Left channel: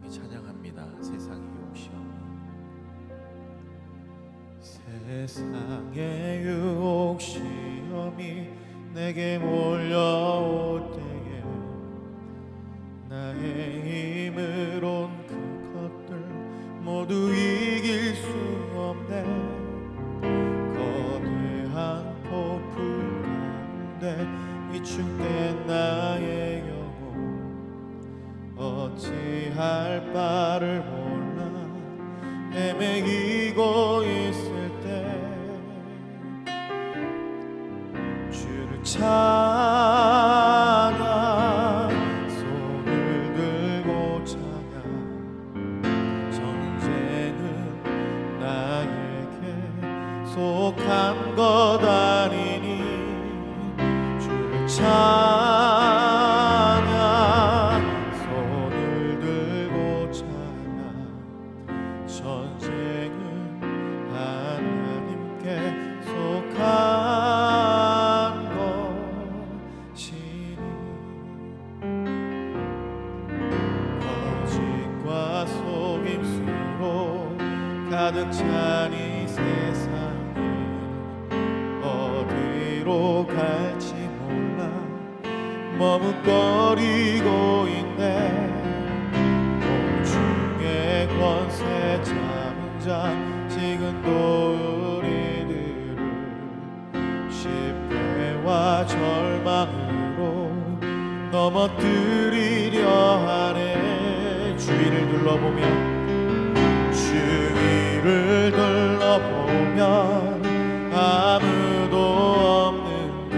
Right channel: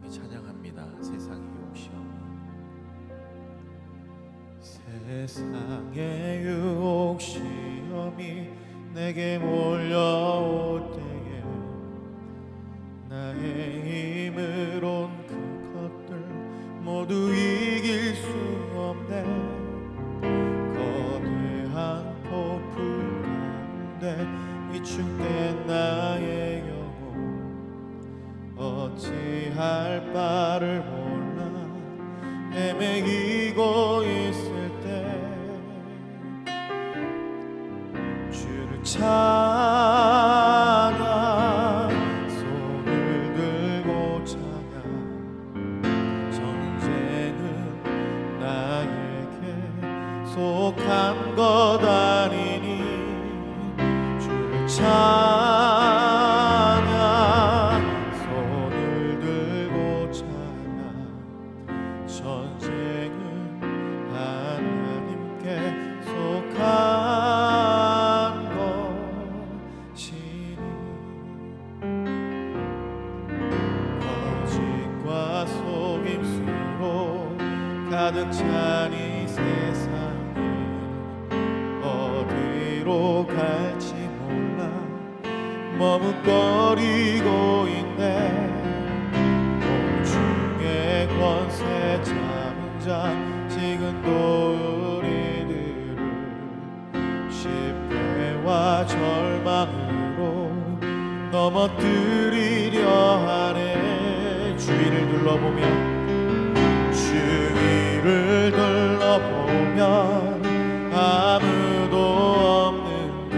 함께 찬양합니다. 세상의 욕심이 세상의 유혹 시험이 내게 몰려올 때에 나의 힘으론 그것들 모두 이길 수 없네. 거대한 폭풍 가운데 위축된 나의 영혼 어찌할 바를 몰라 헤매이고 있을 때 주를 찬양 손을 들고 찬양 전쟁은 나에게 속한 것 아니니 주를 찬양 손을 들고 찬양 전쟁은 하나님께 속한 것이니 거짓과 속임수로 가득 찬 이 세상에 어디로 갈지 몰라 머뭇거리고 있네. 공중의 권세 잡은 자 지금도 우리들을 실패와 절망으로 넘어뜨리려 하네. 주위를 둘러보면 주위를 둘러보면 아무도 없는 듯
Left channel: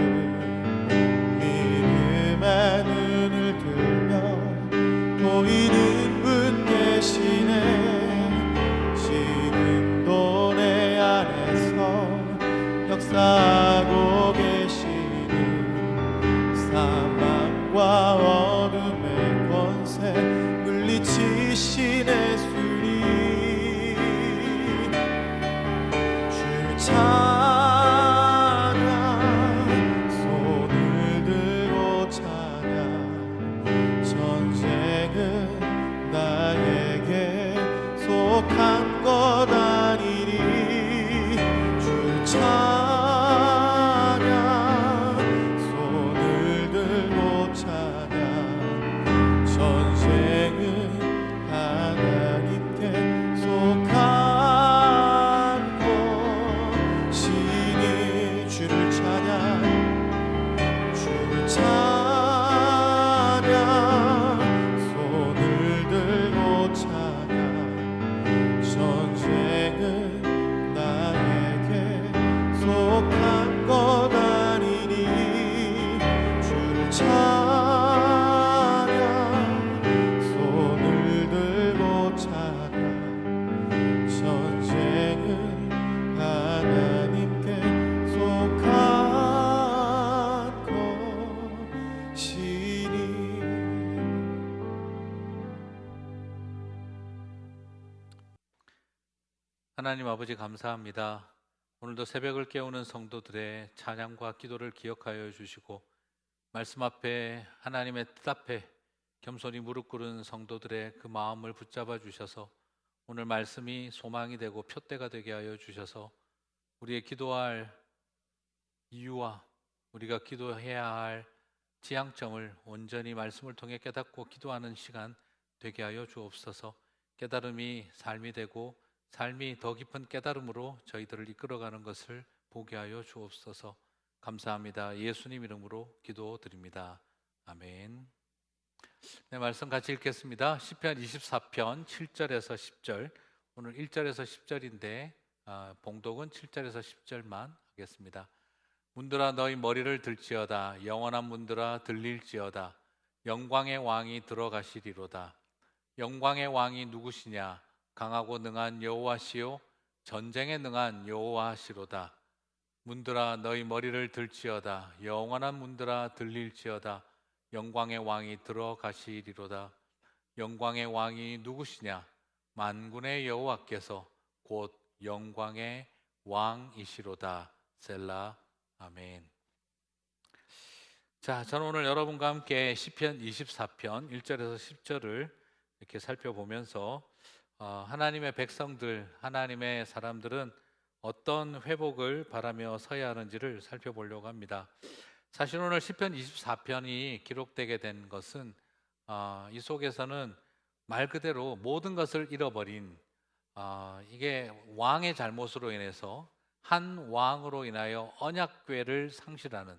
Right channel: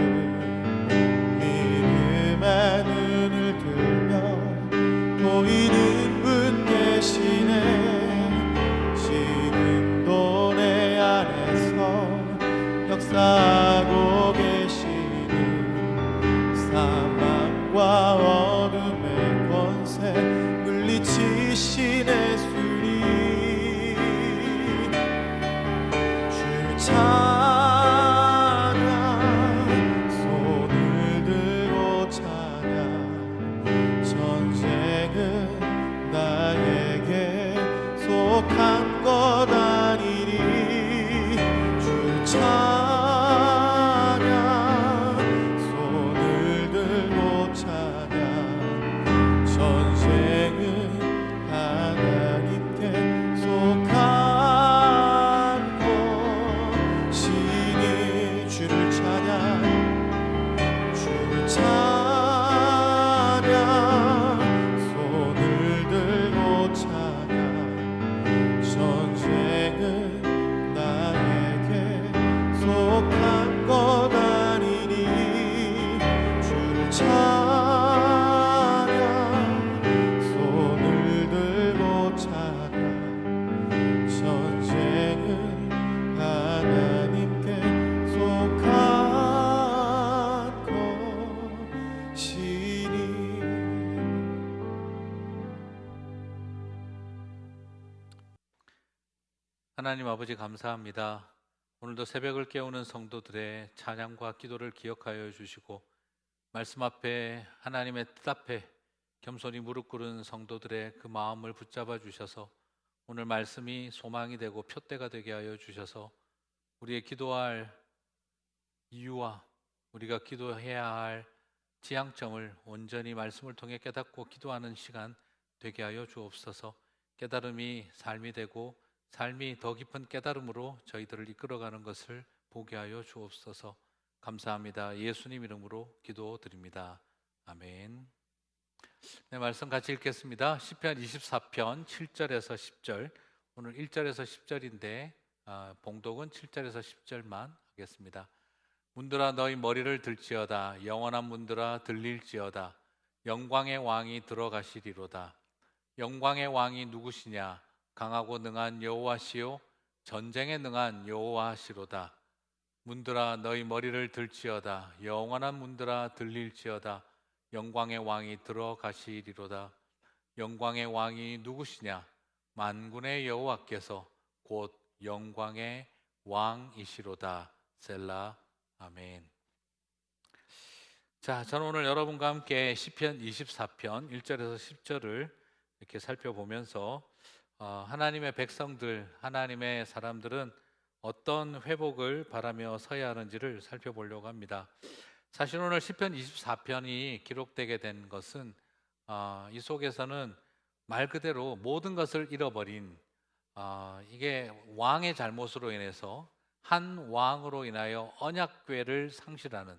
믿음의 눈을 들면 보이는 분 계시네. 지금도 내 안에서 역사하고 계시는 사망과 어둠의 권세 물리치시네. 주님 주를 찬양 손을 들고 찬양 전쟁은 나에게 속한 것 아니니 주를 찬양 손을 들고 찬양 전쟁은 하나님께 속한 것이니 주를 찬양 주를 찬양 손을 들고 찬양 전쟁은 나에게 속한 것 아니니 주를 찬양 손을 들고 찬양 전쟁은 하나님께 속한 것이니. 하나님 아버지 감사합니다. 오늘도 새벽을 깨우는 성도들의 찬양과 기도를 기억하여 주시고 말씀 앞에 하나님의 뜻 앞에 겸손히 무릎 꿇은 성도들의 그 마음을 붙잡아 주셔서 오늘 말씀이 소망이 되고 표대가 되게 하여 주셔서 우리의 기도할 이유와 우리가 기도해야 할 지향점을 온전히 말씀을 통해 깨닫고 기도하는 시간 되게 하여 주옵소서. 깨달음이 삶이 되고 삶이 더 깊은 깨달음으로 저희들을 이끌어가는 것을 보게 하여 주옵소서. 감사합니다. 예수님 이름으로 기도드립니다. 아멘. 네, 말씀 같이 읽겠습니다. 시편 24편 7절에서 10절. 오늘 1절에서 10절인데 봉독은 7절에서 10절만 하겠습니다. 문들아 너희 머리를 들지어다. 영원한 문들아 들릴지어다. 영광의 왕이 들어가시리로다. 영광의 왕이 누구시냐? 강하고 능한 여호와시요 전쟁에 능한 여호와시로다. 문들아 너희 머리를 들지어다. 영원한 문들아 들릴지어다. 영광의 왕이 들어가시리로다. 영광의 왕이 누구시냐? 만군의 여호와께서 곧 영광의 왕이시로다. 셀라. 아멘. 자, 저는 오늘 여러분과 함께 시편 24편 1절에서 10절을 이렇게 살펴보면서 하나님의 백성들, 하나님의 사람들은 어떤 회복을 바라며 서야 하는지를 살펴보려고 합니다. 사실 오늘 시편 24편이 기록되게 된 것은 이 속에서는 말 그대로 모든 것을 잃어버린 이게 왕의 잘못으로 인해서 한 왕으로 인하여 언약궤를 상실하는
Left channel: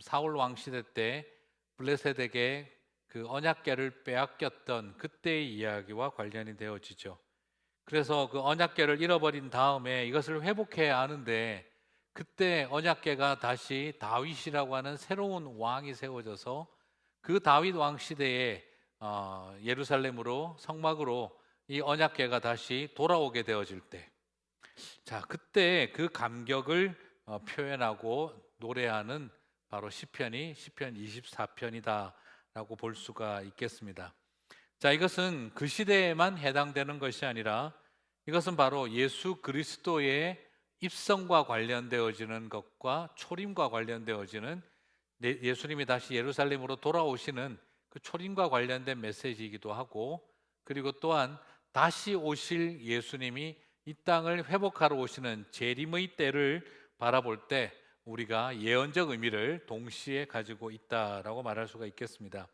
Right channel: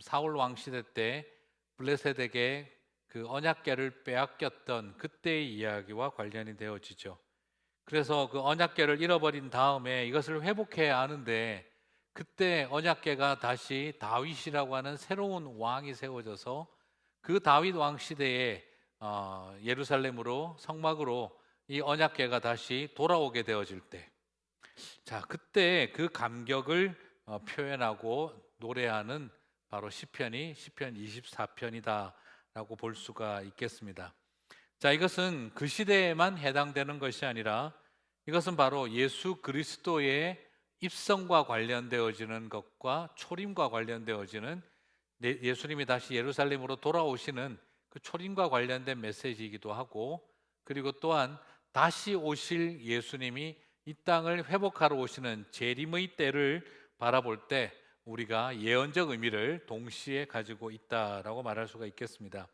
사울 왕 시대 때 블레셋에게 그 언약궤를 빼앗겼던 그때의 이야기와 관련이 되어지죠. 그래서 그 언약궤를 잃어버린 다음에 이것을 회복해야 하는데 그때 언약궤가 다시 다윗이라고 하는 새로운 왕이 세워져서 그 다윗 왕 시대에 예루살렘으로 성막으로 이 언약궤가 다시 돌아오게 되어질 때, 자 그때 그 감격을 표현하고 노래하는 바로 시편이 시편 24편이다라고 볼 수가 있겠습니다. 자, 이것은 그 시대에만 해당되는 것이 아니라 이것은 바로 예수 그리스도의 입성과 관련되어지는 것과 초림과 관련되어지는 예수님이 다시 예루살렘으로 돌아오시는 그 초림과 관련된 메시지이기도 하고, 그리고 또한 다시 오실 예수님이 이 땅을 회복하러 오시는 재림의 때를 바라볼 때 우리가 예언적 의미를 동시에 가지고 있다라고 말할 수가 있겠습니다.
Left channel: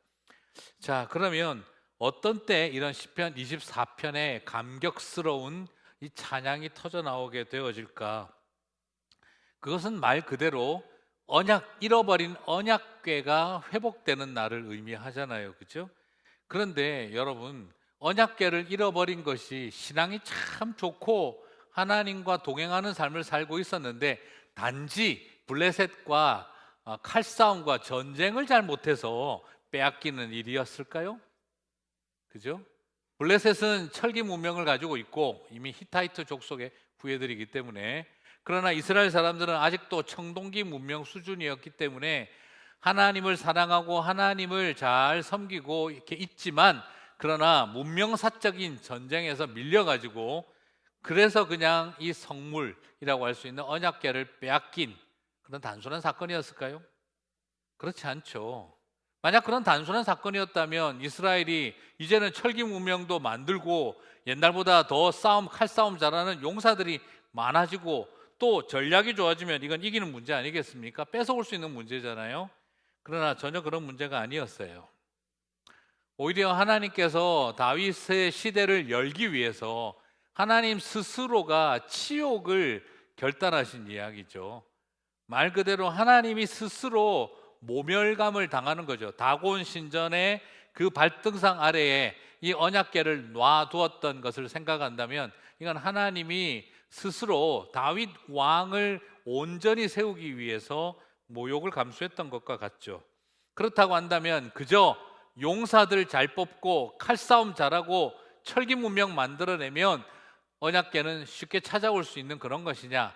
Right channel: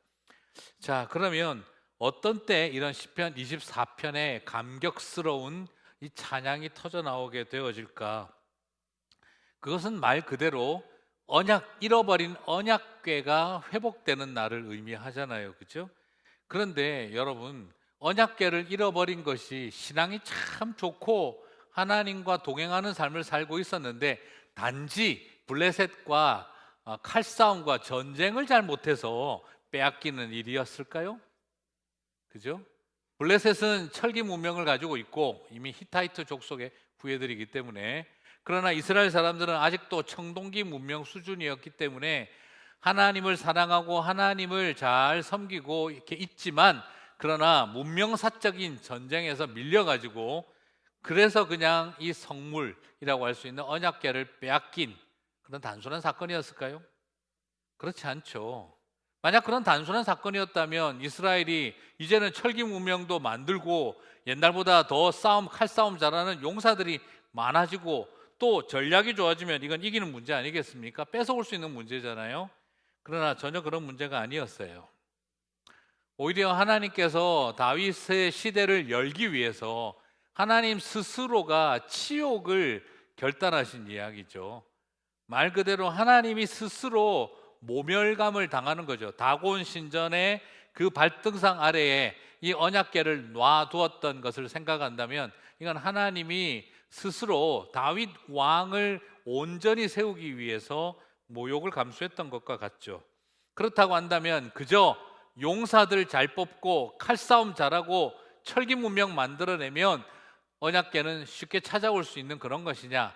자, 그러면 어떤 때 이런 시편 24편의 감격스러운 이 찬양이 터져 나오게 되어질까? 그것은 말 그대로 잃어버린 언약궤가 회복되는 날을 의미하잖아요. 그렇죠? 그런데 여러분, 언약궤를 잃어버린 것이 신앙이 참 좋고 하나님과 동행하는 삶을 살고 있었는데 단지 블레셋과 칼싸움과 전쟁을 잘 못해서 빼앗기는 일이었을까요? 그죠? 블레셋은 철기 문명을 가지고 있고 이미 히타이트 족속의 후예들이기 때문에, 그러나 이스라엘 사람들은 아직도 청동기 문명 수준이었기 때문에 하나님을 사랑하고 하나님을 잘 섬기고 이렇게 있지만, 그러나 문명사적인 전쟁에서 밀려가지고 그래서 그냥 이 성물이라고 할 수 있는 언약궤를 빼앗긴 그런 단순한 사건이었을까요? 그렇지 않죠. 만약 그런 단순한 사건이었다면 이스라엘이 이제는 철기 문명도 만들고 옛날보다 더 칼싸움 잘하는 용사들이 많아지고 또 전략이 좋아지면 이건 이기는 문제 아니겠습니까? 뺏어올 수 있는 문제잖아요. 그러나 전혀 그런 문제가 아니었어요. 오히려 하나님께서 다윗의 시대를 열기 위해서 하나님 스스로가 치욕을 결단하신 이야기죠. 말 그대로 하나님이 스스로 모멸감을 당하는 거죠. 다곤 신전의 그 발등상 아래에 이 언약궤를 놔두었던 것을 생각한다면 이건 하나님이 스스로 다윗 왕을 온전히 세우기 위해서 모욕을 감수했던 것과 같죠. 그렇다고 한다면 그저 용사들 잘 뽑고 칼싸움 잘하고 철기 문명 만들어내면 언약궤는 쉽게 찾아올 수 있는 그런 것이냐?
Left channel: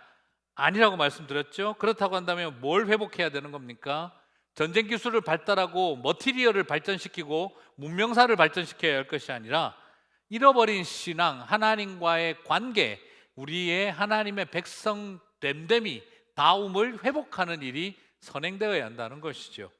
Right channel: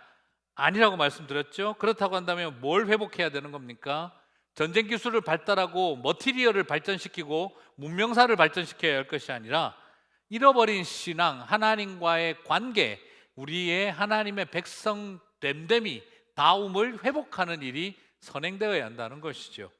아니라고 말씀드렸죠. 그렇다고 한다면 뭘 회복해야 되는 겁니까? 전쟁 기술을 발달하고 머티리얼을 발전시키고 문명사를 발전시켜야 할 것이 아니라 잃어버린 신앙, 하나님과의 관계, 우리의 하나님의 백성 됨됨이 다움을 회복하는 일이 선행되어야 한다는 것이죠.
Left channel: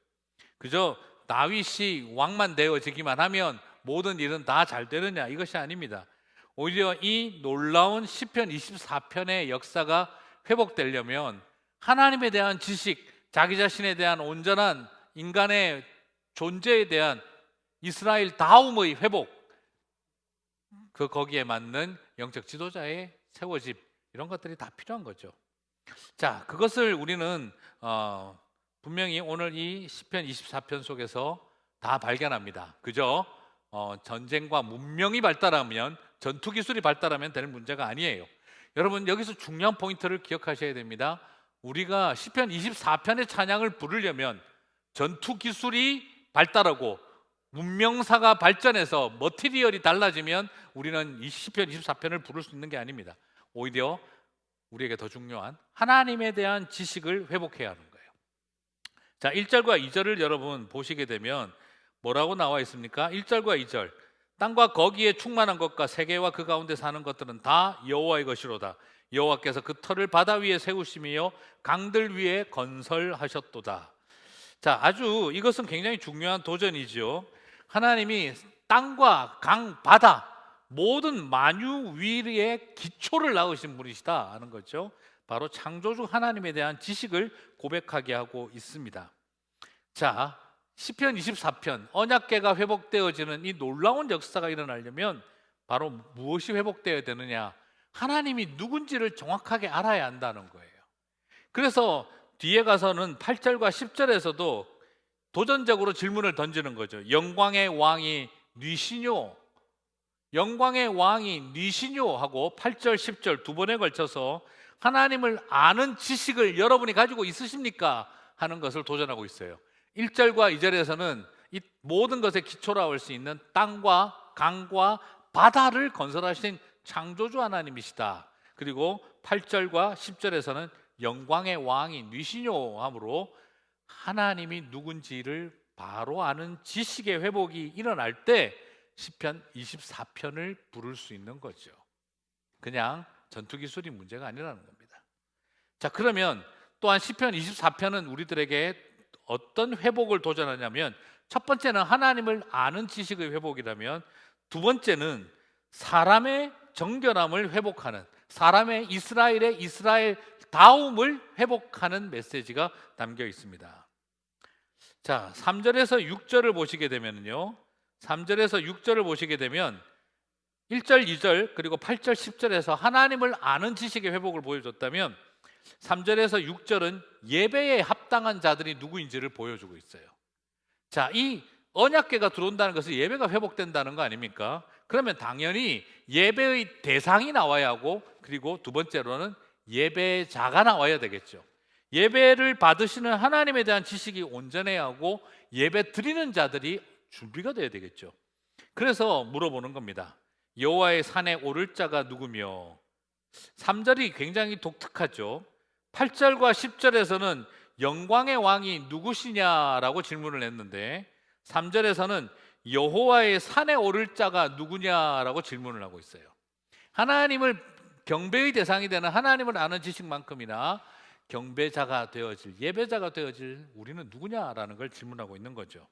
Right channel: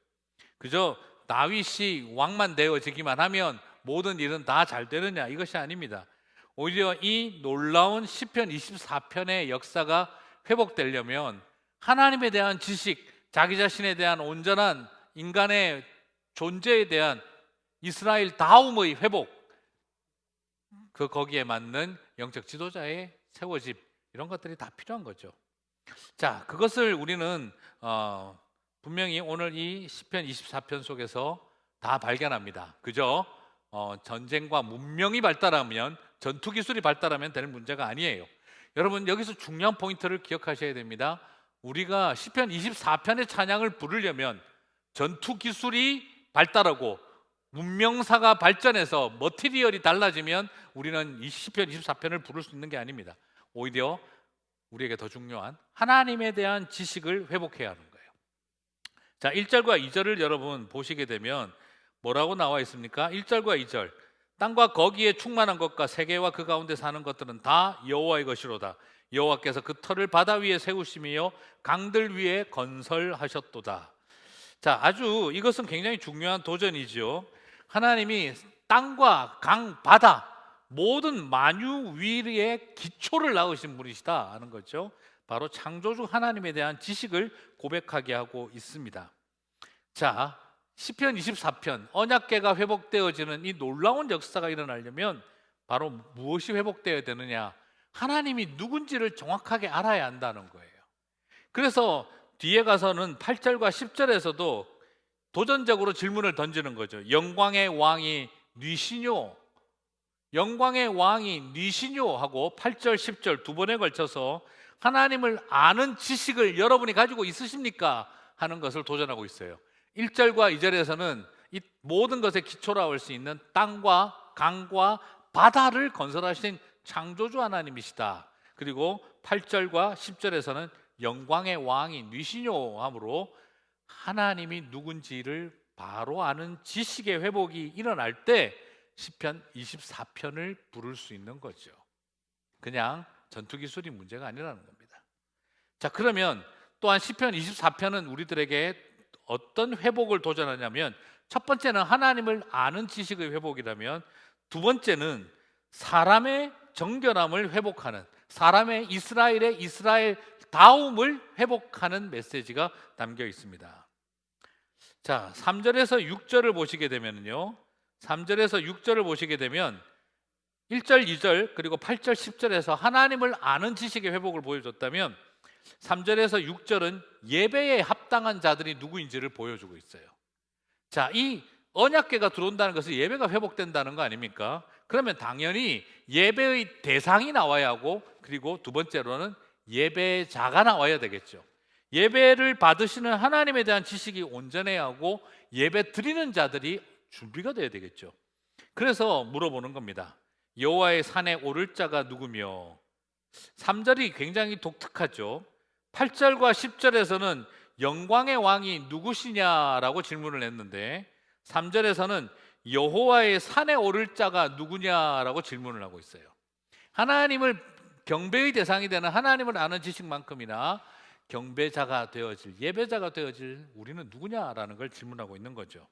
그저 다윗이 왕만 되어지기만 하면 모든 일은 다 잘 되느냐, 이것이 아닙니다. 오히려 이 놀라운 시편 24편의 역사가 회복되려면 하나님에 대한 지식, 자기 자신에 대한 온전한 인간의 존재에 대한 이스라엘 다움의 회복, 거기에 맞는 영적 지도자의 세워짐, 이런 것들이 다 필요한 거죠. 자, 그것을 우리는 분명히 오늘 이 시편 24편 속에서 다 발견합니다. 그죠? 전쟁과 문명이 발달하면, 전투 기술이 발달하면 될 문제가 아니에요. 여러분, 여기서 중요한 포인트를 기억하셔야 됩니다. 우리가 시편 24편의 찬양을 부르려면 전투 기술이 발달하고 문명사가 발전해서 머티리얼이 달라지면 우리는 이 시편 24편을 부를 수 있는 게 아닙니다. 오히려 우리에게 더 중요한 하나님에 대한 지식을 회복해야 하는 거예요. 자, 1절과 2절을 여러분 보시게 되면 뭐라고 나와 있습니까? 1절과 2절. 땅과 거기에 충만한 것과 세계와 그 가운데 사는 것들은 다 여호와의 것이로다. 여호와께서 그 터를 바다 위에 세우시며 강들 위에 건설하셨도다. 자, 아주 이것은 굉장히 중요한 도전이죠. 하나님이 땅과 강, 바다 모든 만유 위의 기초를 낳으신 분이시다 하는 거죠. 바로 창조주 하나님에 대한 지식을 고백하게 하고 있습니다. 자, 시편 24편 언약궤가 회복되어지는 이 놀라운 역사가 일어나려면 바로 무엇이 회복되어야 되느냐? 하나님이 누군지를 정확하게 알아야 한다는 거예요. 그래서 뒤에 가서는 8절과 10절에서도 도전적으로 질문을 던지는 거죠. 영광의 왕이 뉘시뇨? 영광의 왕이 뉘시뇨? 하고 8절, 10절 두 번에 걸쳐서 하나님을 아는 지식을 여러분이 가지고 있으십니까? 하는 것을 도전하고 있어요. 1절과 2절에서는 이 모든 것의 기초라고 할 수 있는 땅과 강과 바다를 건설하신 창조주 하나님이시다. 그리고 8절과 10절에서는 영광의 왕이 뉘시뇨 함으로 하나님이 누군지를 바로 아는 지식의 회복이 일어날 때 시편 24편을 부를 수 있는 거죠. 그냥 전투 기술이 문제가 아니라는 겁니다. 자, 그러면 또한 시편 24편은 우리들에게 어떤 회복을 도전하냐면, 첫 번째는 하나님을 아는 지식의 회복이라면, 두 번째는 사람의 정결함을 회복하는, 사람의 이스라엘의 이스라엘다움을 회복하는 메시지가 담겨 있습니다. 자, 3절에서 6절을 보시게 되면요, 3절에서 6절을 보시게 되면 1절, 2절 그리고 8절, 10절에서 하나님을 아는 지식의 회복을 보여줬다면 3절에서 6절은 예배에 합당한 자들이 누구인지를 보여주고 있어요. 자, 이 언약궤가 들어온다는 것은 예배가 회복된다는 거 아닙니까? 그러면 당연히 예배의 대상이 나와야 하고, 그리고 두 번째로는 예배자가 나와야 되겠죠. 예배를 받으시는 하나님에 대한 지식이 온전해야 하고 예배 드리는 자들이 준비가 돼야 되겠죠. 그래서 물어보는 겁니다. 여호와의 산에 오를 자가 누구며? 3절이 굉장히 독특하죠. 8절과 10절에서는 영광의 왕이 누구시냐라고 질문을 했는데 3절에서는 여호와의 산에 오를 자가 누구냐라고 질문을 하고 있어요. 하나님을 경배의 대상이 되는 하나님을 아는 지식만큼이나 경배자가 되어질, 예배자가 되어질 우리는 누구냐라는 걸 질문하고 있는 거죠.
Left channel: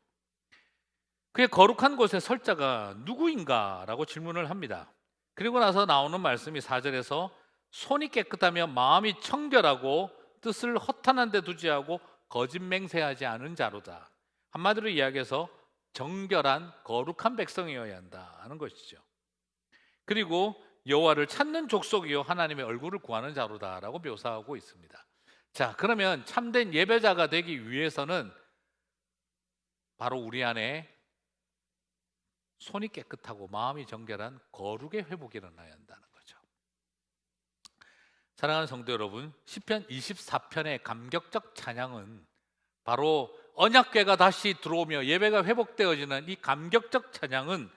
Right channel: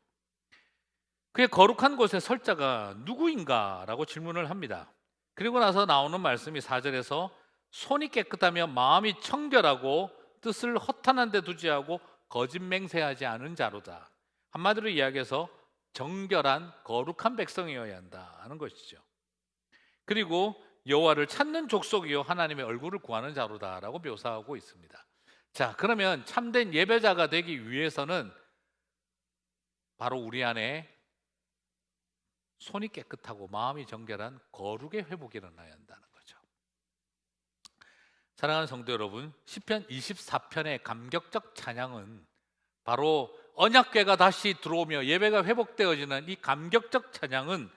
그의 거룩한 곳에 설 자가 누구인가? 라고 질문을 합니다. 그리고 나서 나오는 말씀이 4절에서 손이 깨끗하며 마음이 청결하고 뜻을 허탄한 데 두지 않고 거짓 맹세하지 않은 자로다. 한마디로 이야기해서 정결한 거룩한 백성이어야 한다 하는 것이죠. 그리고 여호와를 찾는 족속이요 하나님의 얼굴을 구하는 자로다라고 묘사하고 있습니다. 자, 그러면 참된 예배자가 되기 위해서는 바로 우리 안에 손이 깨끗하고 마음이 정결한 거룩의 회복이 일어나야 한다는 거죠. 사랑하는 성도 여러분, 시편 24편의 감격적 찬양은 바로 언약궤가 다시 들어오며 예배가 회복되어지는 이 감격적 찬양은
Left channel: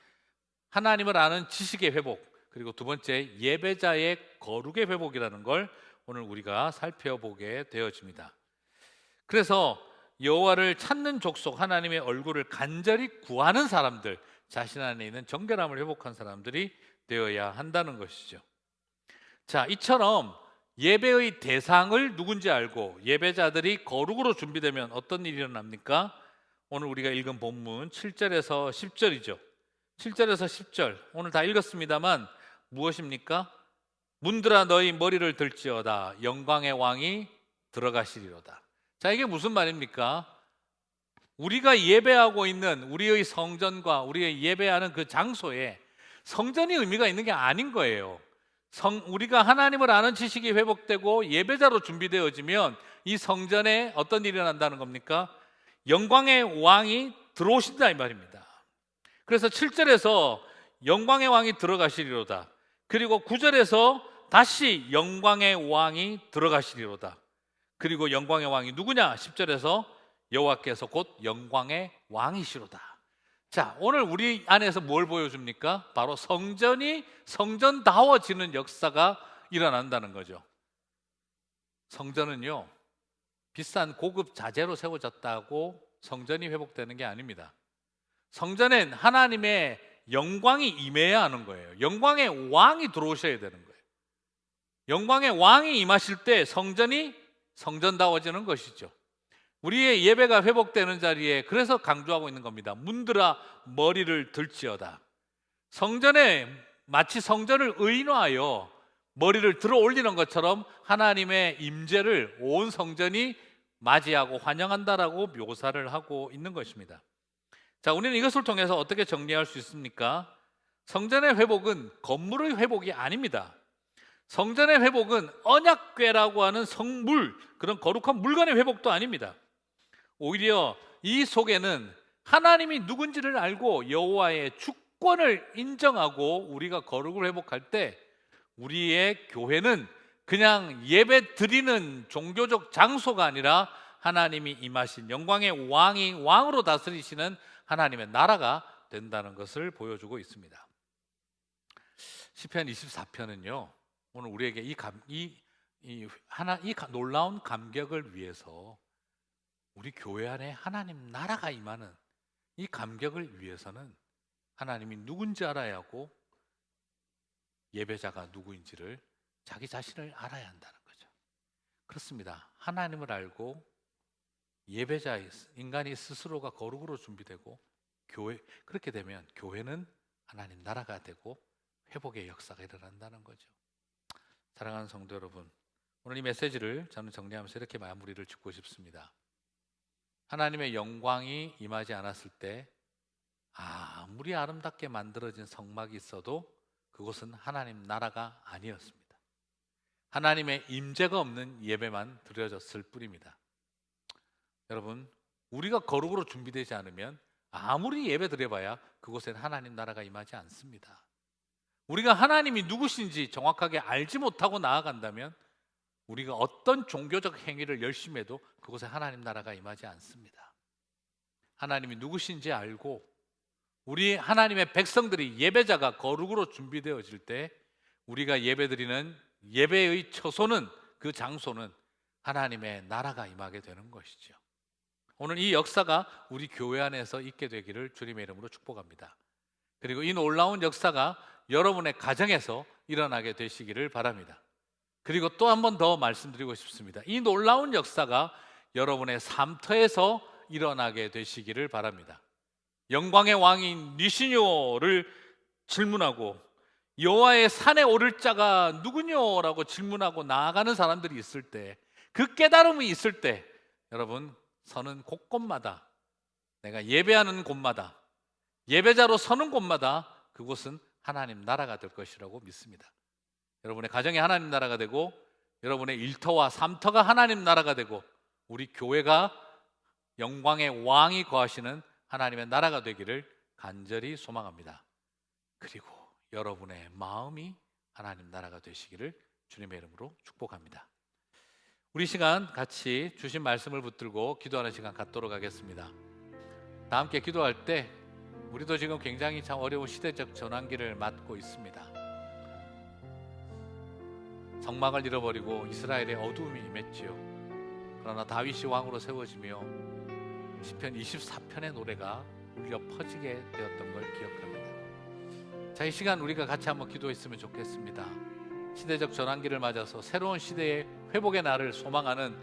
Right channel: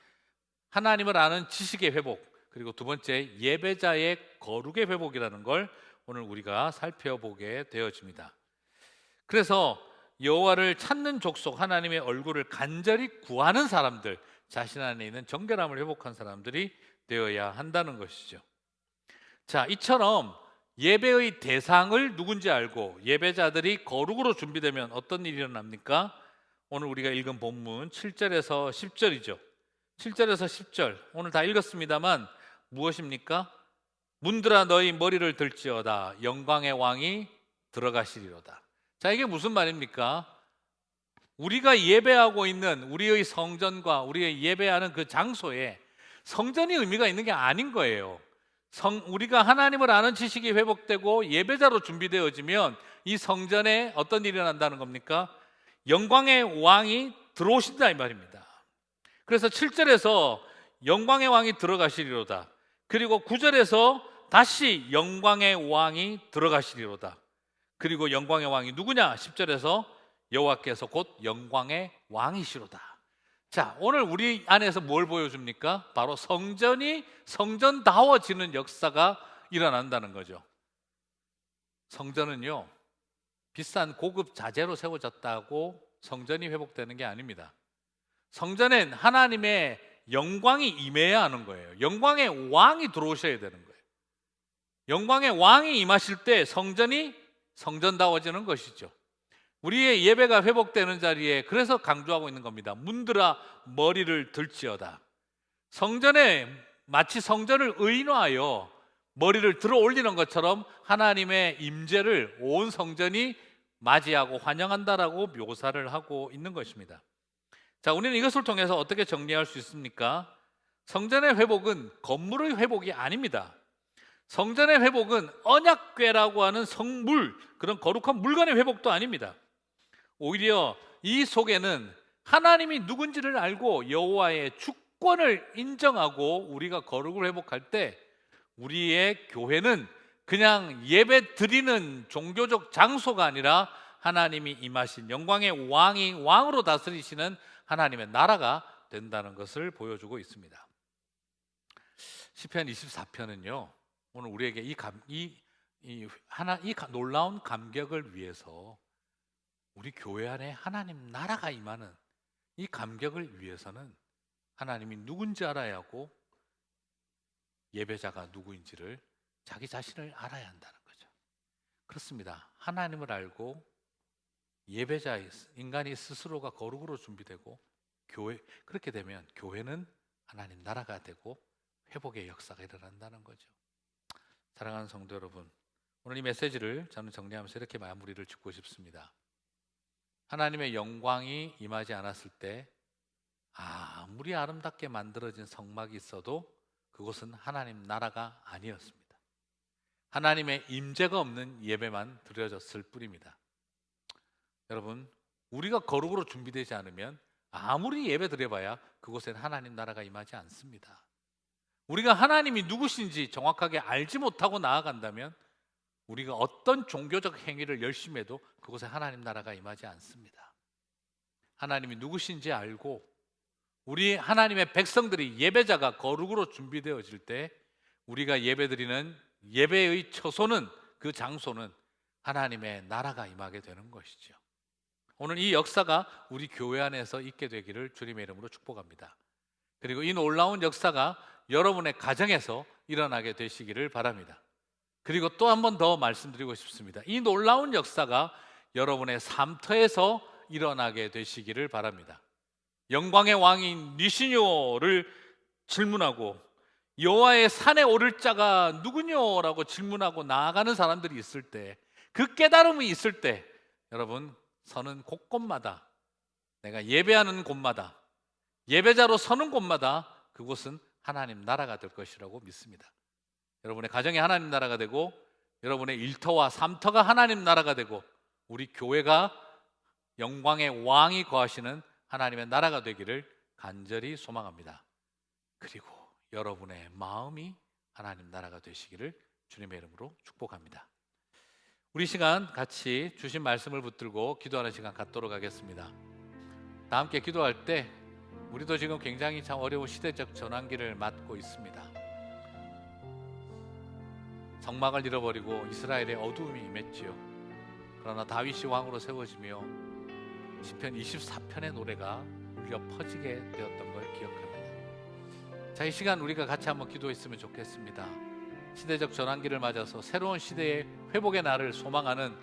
하나님을 아는 지식의 회복, 그리고 두 번째 예배자의 거룩의 회복이라는 걸 오늘 우리가 살펴보게 되어집니다. 그래서 여호와를 찾는 족속, 하나님의 얼굴을 간절히 구하는 사람들, 자신 안에 있는 정결함을 회복한 사람들이 되어야 한다는 것이죠. 자, 이처럼 예배의 대상을 누군지 알고 예배자들이 거룩으로 준비되면 어떤 일이 일어납니까? 오늘 우리가 읽은 본문 7절에서 10절이죠. 7절에서 10절 오늘 다 읽었습니다만 무엇입니까? 문들아 너희 머리를 들지어다 영광의 왕이 들어가시리로다. 자, 이게 무슨 말입니까? 우리가 예배하고 있는 우리의 성전과 우리의 예배하는 그 장소에 성전이 의미가 있는 게 아닌 거예요. 우리가 하나님을 아는 지식이 회복되고 예배자로 준비되어지면 이 성전에 어떤 일이 일어난다는 겁니까? 영광의 왕이 들어오신다 이 말입니다. 그래서 7절에서 영광의 왕이 들어가시리로다. 그리고 9절에서 다시 영광의 왕이 들어가시리로다. 그리고 영광의 왕이 누구냐? 10절에서 여호와께서 곧 영광의 왕이시로다. 자, 오늘 우리 안에서 뭘 보여줍니까? 바로 성전이 성전다워지는 역사가 일어난다는 거죠. 성전은요, 비싼 고급 자재로 세워졌다고 성전이 회복되는 게 아닙니다. 성전엔 하나님의 영광이 임해야 하는 거예요. 영광의 왕이 들어오셔야 되는 거예요. 영광의 왕이 임하실 때 성전이 성전다워지는 것이죠. 우리의 예배가 회복되는 자리에 그래서 강조하고 있는 겁니다. 문들아 머리를 들지어다. 성전에 마치 성전을 의인화하여 머리를 들어 올리는 것처럼 하나님의 임재를 온 성전이 맞이하고 환영한다라고 묘사를 하고 있는 것입니다. 자, 우리는 이것을 통해서 어떻게 정리할 수 있습니까? 성전의 회복은 건물의 회복이 아닙니다. 성전의 회복은 언약궤라고 하는 성물, 그런 거룩한 물건의 회복도 아닙니다. 오히려 이 속에는 하나님이 누군지를 알고 여호와의 주권을 인정하고 우리가 거룩을 회복할 때 우리의 교회는 그냥 예배 드리는 종교적 장소가 아니라 하나님이 임하신 영광의 왕이 왕으로 다스리시는 하나님의 나라가 된다는 것을 보여주고 있습니다. 시편 24편은요, 오늘 우리에게 이 놀라운 감격을 위해서 우리 교회 안에 하나님 나라가 임하는 이 감격을 위해서는 하나님이 누군지 알아야 하고 예배자가 누구인지를 자기 자신을 알아야 한다는 거죠. 그렇습니다. 하나님을 알고 예배자 인간이 스스로가 거룩으로 준비되고 그렇게 되면 교회는 하나님 나라가 되고 회복의 역사가 일어난다는 거죠. 사랑하는 성도 여러분, 오늘 이 메시지를 저는 정리하면서 이렇게 마무리를 짓고 싶습니다. 하나님의 영광이 임하지 않았을 때 아무리 아름답게 만들어진 성막이 있어도 그곳은 하나님 나라가 아니었습니다. 하나님의 임재가 없는 예배만 드려졌을 뿐입니다. 여러분, 우리가 거룩으로 준비되지 않으면 아무리 예배 드려봐야 그곳엔 하나님 나라가 임하지 않습니다. 우리가 하나님이 누구신지 정확하게 알지 못하고 나아간다면 우리가 어떤 종교적 행위를 열심히 해도 그곳에 하나님 나라가 임하지 않습니다. 하나님이 누구신지 알고 우리 하나님의 백성들이 예배자가 거룩으로 준비되어질 때 우리가 예배드리는 예배의 처소는, 그 장소는 하나님의 나라가 임하게 되는 것이죠. 오늘 이 역사가 우리 교회 안에서 있게 되기를 주님의 이름으로 축복합니다. 그리고 이 놀라운 역사가 여러분의 가정에서 일어나게 되시기를 바랍니다. 그리고 또 한 번 더 말씀드리고 싶습니다. 이 놀라운 역사가 여러분의 삶터에서 일어나게 되시기를 바랍니다. 영광의 왕인 니시뇨를 질문하고 여호와의 산에 오를 자가 누구뇨라고 질문하고 나아가는 사람들이 있을 때, 그 깨달음이 있을 때 여러분, 서는 곳곳마다, 내가 예배하는 곳마다, 예배자로 서는 곳마다 그곳은 하나님 나라가 될 것이라고 믿습니다. 여러분의 가정이 하나님 나라가 되고 여러분의 일터와 삶터가 하나님 나라가 되고 우리 교회가 영광의 왕이 거하시는 하나님의 나라가 되기를 간절히 소망합니다. 그리고 여러분의 마음이 하나님 나라가 되시기를 주님의 이름으로 축복합니다. 우리 시간 같이 주신 말씀을 붙들고 기도하는 시간 갖도록 하겠습니다. 다 함께 기도할 때 우리도 지금 굉장히 참 어려운 시대적 전환기를 맞고 있습니다. 성막을 잃어버리고 이스라엘의 어두움이 임했지요. 그러나 다윗이 왕으로 세워지며 시편 24편의 노래가 울려 퍼지게 되었던 걸 기억합니다. 자, 이 시간 우리가 같이 한번 기도했으면 좋겠습니다. 시대적 전환기를 맞아서 새로운 시대의 회복의 날을 소망하는,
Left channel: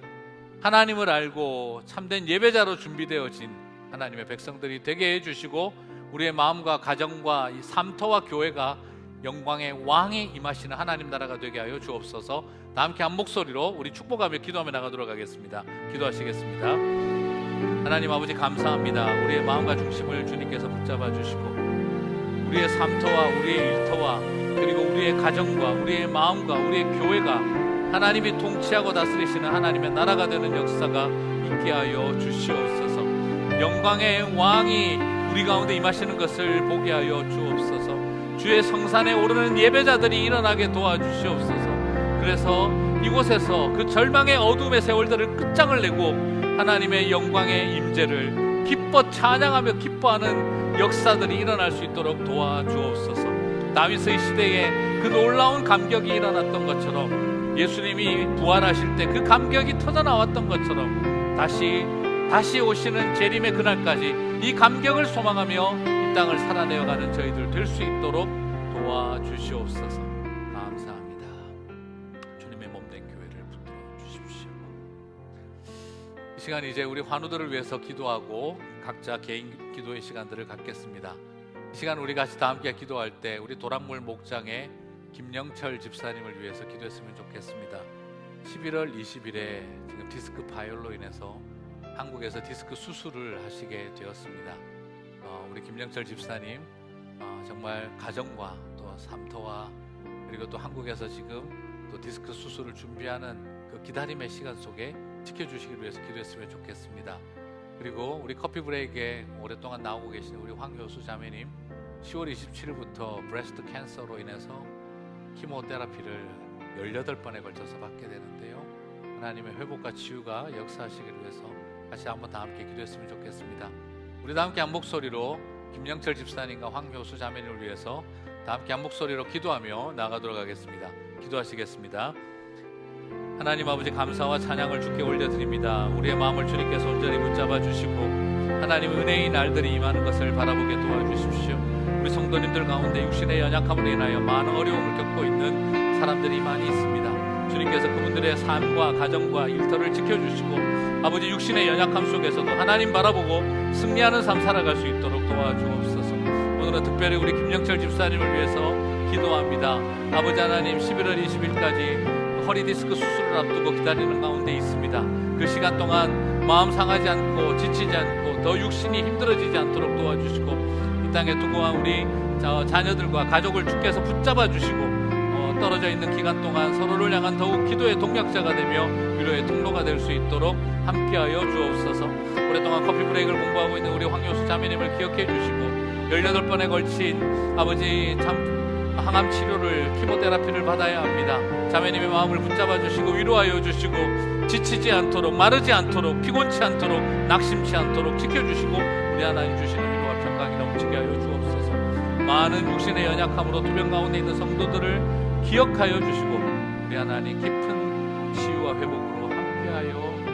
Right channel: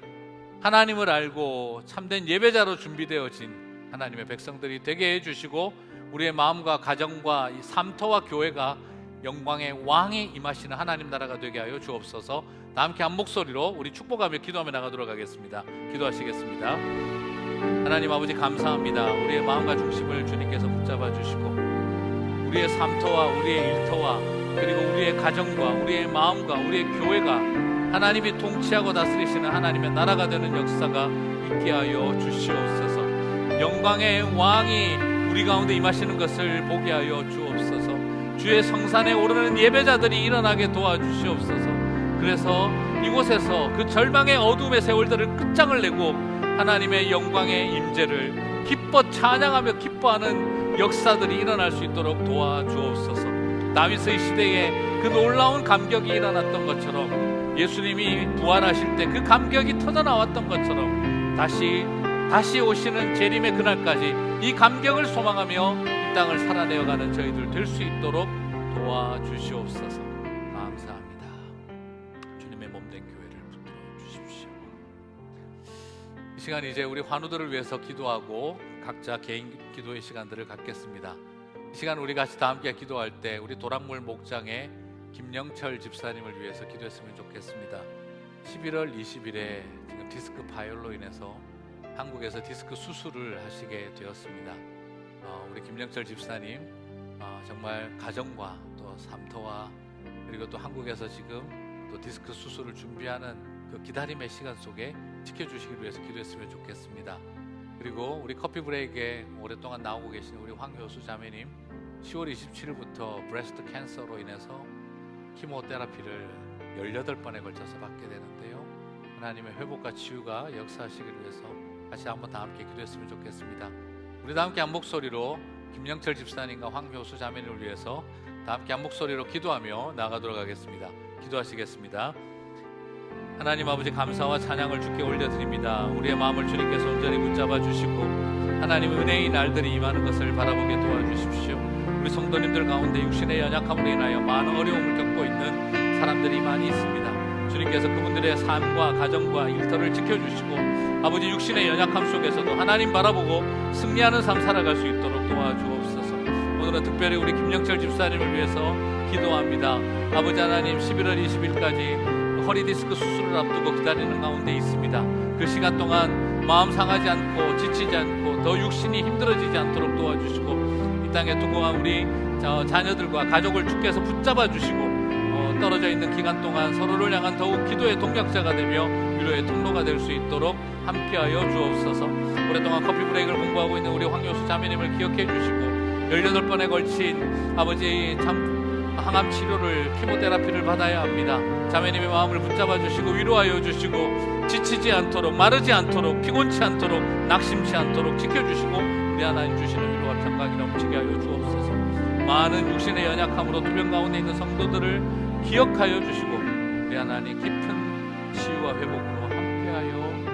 하나님을 알고 참된 예배자로 준비되어진 하나님의 백성들이 되게 해주시고 우리의 마음과 가정과 이 삶터와 교회가 영광의 왕이 임하시는 하나님 나라가 되게 하여 주옵소서. 다 함께 한 목소리로 우리 축복하며 기도하며 나가도록 하겠습니다. 기도하시겠습니다. 하나님 아버지, 감사합니다. 우리의 마음과 중심을 주님께서 붙잡아 주시고 우리의 삶터와 우리의 일터와 그리고 우리의 가정과 우리의 마음과 우리의 교회가 하나님이 통치하고 다스리시는 하나님의 나라가 되는 역사가 있게 하여 주시옵소서. 영광의 왕이 우리 가운데 임하시는 것을 보게 하여 주옵소서. 주의 성산에 오르는 예배자들이 일어나게 도와주시옵소서. 그래서 이곳에서 그 절망의 어둠의 세월들을 끝장을 내고 하나님의 영광의 임재를 기뻐 찬양하며 기뻐하는 역사들이 일어날 수 있도록 도와주옵소서. 다윗의 시대에 그 놀라운 감격이 일어났던 것처럼, 예수님이 부활하실 때 그 감격이 터져나왔던 것처럼 다시 오시는 재림의 그날까지 이 감격을 소망하며 이 땅을 살아내어가는 저희들 될 수 있도록 도와주시옵소서. 감사합니다. 주님의 몸된 교회를 붙들어 주십시오. 이 시간 이제 우리 환우들을 위해서 기도하고 각자 개인 기도의 시간들을 갖겠습니다. 이 시간 우리 같이 다 함께 기도할 때 우리 도랑물 목장의 김영철 집사님을 위해서 기도했으면 좋겠습니다. 11월 20일에 지금 디스크 파열로 인해서 한국에서 디스크 수술을 하시게 되었습니다. 우리 김영철 집사님 정말 가정과 또 삶터와 그리고 또 한국에서 지금 또 디스크 수술을 준비하는 그 기다림의 시간 속에 지켜주시기 위해서 기도했으면 좋겠습니다. 그리고 우리 커피 브레이크에 오랫동안 나오고 계시는 우리 황효수 자매님 10월 27일부터 브레스트 캔서로 인해서 키모테라피를 18번에 걸쳐서 받게 되는데요. 하나님의 회복과 치유가 역사하시기를 위해서 같이 한번 다 함께 기도했으면 좋겠습니다. 우리 다 함께 한 목소리로 김영철 집사님과 황효수 자매님을 위해서 다 함께 한 목소리로 기도하며 나아가도록 하겠습니다. 기도하시겠습니다. 하나님 아버지, 감사와 찬양을 주께 올려드립니다. 우리의 마음을 주님께서 온전히 붙잡아 주시고 하나님의 은혜의 날들이 임하는 것을 바라보게 도와주십시오. 우리 성도님들 가운데 육신의 연약함으로 인하여 많은 어려움을 겪고 있는 사람들이 많이 있습니다. 주님께서 그분들의 삶과 가정과 일터를 지켜주시고 아버지, 육신의 연약함 속에서도 하나님 바라보고 승리하는 삶 살아갈 수 있도록 도와주옵소서. 오늘은 특별히 우리 김영철 집사님을 위해서 기도합니다. 아버지 하나님, 11월 20일까지 허리 디스크 수술을 앞두고 기다리는 가운데 있습니다. 그 시간 동안 마음 상하지 않고 지치지 않고 더 육신이 힘들어지지 않도록 도와주시고 이 땅에 두고 간 우리 자녀들과 가족을 주께서 붙잡아 주시고 떨어져 있는 기간 동안 서로를 향한 더욱 기도의 동력자가 되며 위로의 통로가 될 수 있도록 함께하여 주옵소서. 오랫동안 커피 브레이크를 공부하고 있는 우리 황효수 자매님을 기억해 주시고 18번에 걸친 아버지 항암 치료를 키모테라피를 받아야 합니다. 자매님의 마음을 붙잡아 주시고 위로하여 주시고 지치지 않도록 마르지 않도록 피곤치 않도록 낙심치 않도록 지켜주시고 우리 하나님 주시는 위로와 평강이 넘치게 하여 주옵소서. 많은 육신의 연약함으로 투병 가운데 있는 성도들을 기억하여 주시고 우리 하나님 깊은 치유와 회복으로 함께하여